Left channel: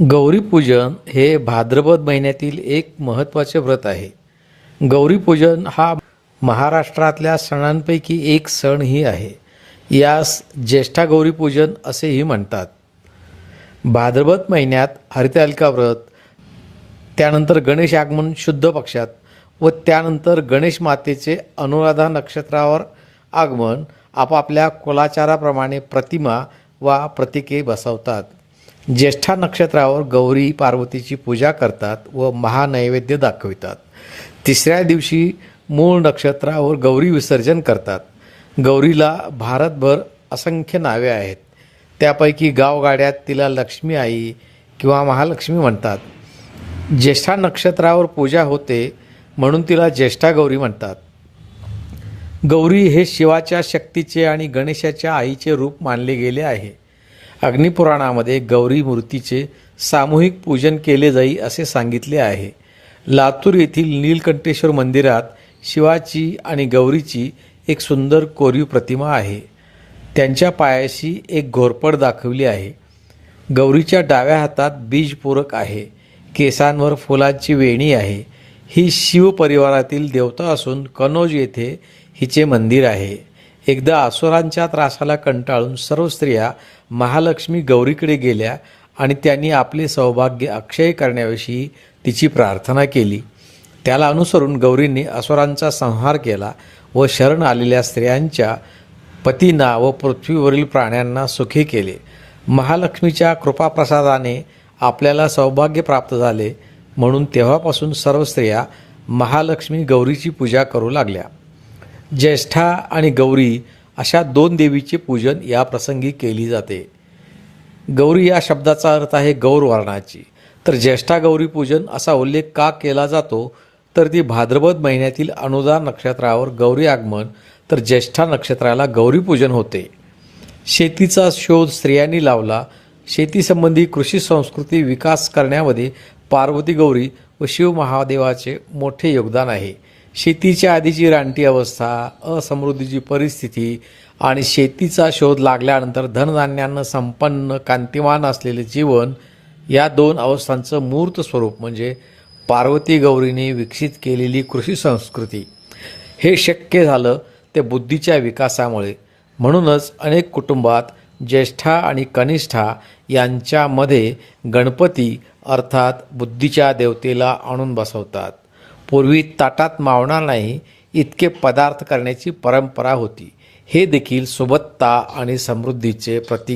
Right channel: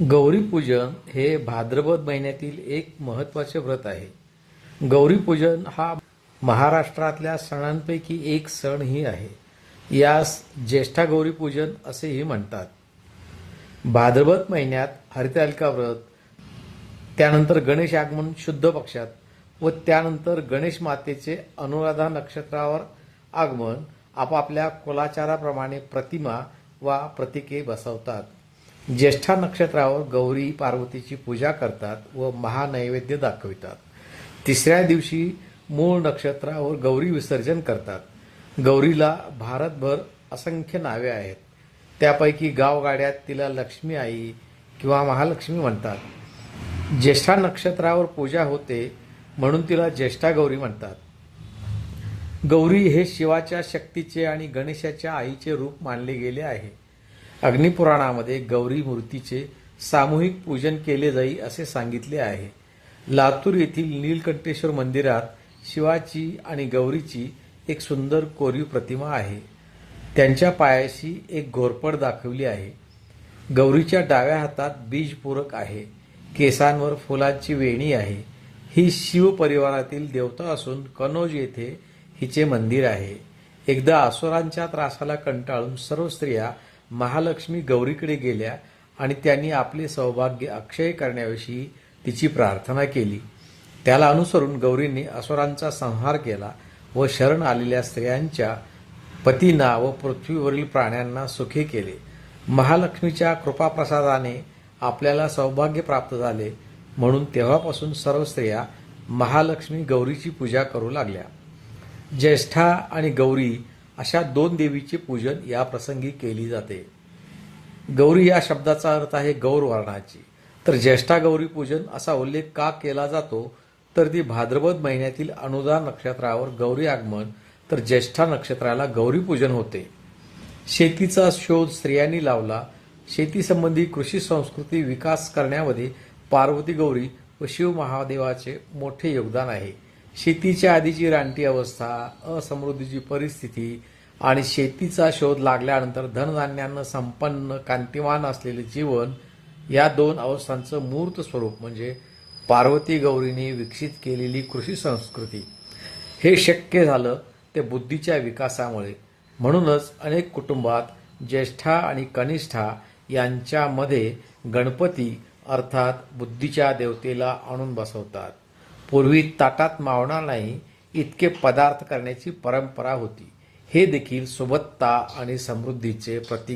गौरीपूजन हे भाद्रपद महिन्यातील एक महत्त्वाचे व्रत आहे. गौरीपूजन हा महाराष्ट्रातल्या सणांपैकी एक सणही आहे. यास ज्येष्ठा गौरीपूजन असेही म्हणतात. भाद्रपद महिन्यात हरितालिका व्रत त्यानंतर गणेश आगमन शुद्ध पक्षात व त्यानंतर गणेश मातेचे अनुराधा नक्षत्रावर आगमन आपापल्या कुलाचाराप्रमाणे प्रतिमा वा प्रतिके बसवतात. ज्येष्ठा नक्षत्रावर गौरी पार्वतीची पूजा करतात व महानैवेद्य दाखवितात. तिसऱ्या दिवशी मूळ नक्षत्रावर गौरी विसर्जन करतात. गौरीला भारतभर असंख्य नावे आहेत. त्यापैकी गावगाड्यात तिला लक्ष्मी आई किंवा महालक्ष्मी म्हणतात. ज्येष्ठा नक्षत्रावर पूजा होते म्हणून तिला ज्येष्ठा गौरी म्हणतात. गौरी हे शिवाच्या शक्तीचे आणि गणेशाच्या आईचे रूप मानले गेले आहे. अग्निपुराणामध्ये गौरी मूर्तीचे सामूहिक पूजन केले जाई असे सांगितले आहे. लातूर येथील नीलकंठेश्वर मंदिरात शिवाची आणि गौरीची एक सुंदर कोरीव प्रतिमा आहे. त्यांच्या पायाशी एक घोरपड दाखवली आहे. गौरीच्या डाव्या हातात बीजपूरक आहे. केसांवर फुलांची वेणी आहे. ही शिव परिवारातील देवता असून कनौज येथे हिचे मंदिर आहे. एकदा असुरांच्या त्रासाला कंटाळून सर्व स्त्रिया महालक्ष्मी गौरीकडे गेल्या आणि त्यांनी आपले सौभाग्य अक्षय करण्याविषयी तिची प्रार्थना केली. त्याला अनुसरून गौरींनी असुरांचा संहार केला व शरण आलेल्या स्त्रियांच्या पतींना व पृथ्वीवरील प्राण्यांना सुखी केले. महालक्ष्मीच्या कृपाप्रसादाने आपल्याला सौभाग्य प्राप्त झाले म्हणून तेव्हापासून सर्व स्त्रिया महालक्ष्मी गौरीची पूजा करू लागल्या. ज्येष्ठा आणि गौरी अशा दोन देवीचे पूजन या प्रसंगी केली जाते. गौरी या शब्दाचा अर्थ आहे गौरवर्णाची तर ज्येष्ठा गौरी पूजन असा उल्लेख का केला जातो? तर ती भाद्रपद महिन्यातील अनुदान नक्षत्रावर गौरी आगमन तर ज्येष्ठा नक्षत्राला गौरीपूजन होते. शेतीचा शोध स्त्रियांनी लावला. शेतीसंबंधी कृषी संस्कृती विकास करण्यामध्ये पार्वती गौरी व शिव महादेवाचे मोठे योगदान आहे. शेतीच्या आधीची रानटी अवस्था असमृद्धीची परिस्थिती आणि शेतीचा शोध लागल्यानंतर धनधान्यानं संपन्न कांतिमान असलेले जीवन या दोन अवस्थांचं मूर्त स्वरूप म्हणजे पार्वती गौरीने विकसित केलेली कृषी संस्कृती. हे शक्य झालं ते बुद्धीच्या विकासामुळे. म्हणूनच अनेक कुटुंबात ज्येष्ठा आणि कनिष्ठा यांच्यामध्ये गणपती अर्थात बुद्धीच्या देवतेला आणून बसवतात. पूर्वी ताटात मावणार नाही इतके पदार्थ करण्याची परंपरा होती. हे देखील सुबत्ता आणि समृद्धीचे प्रतीक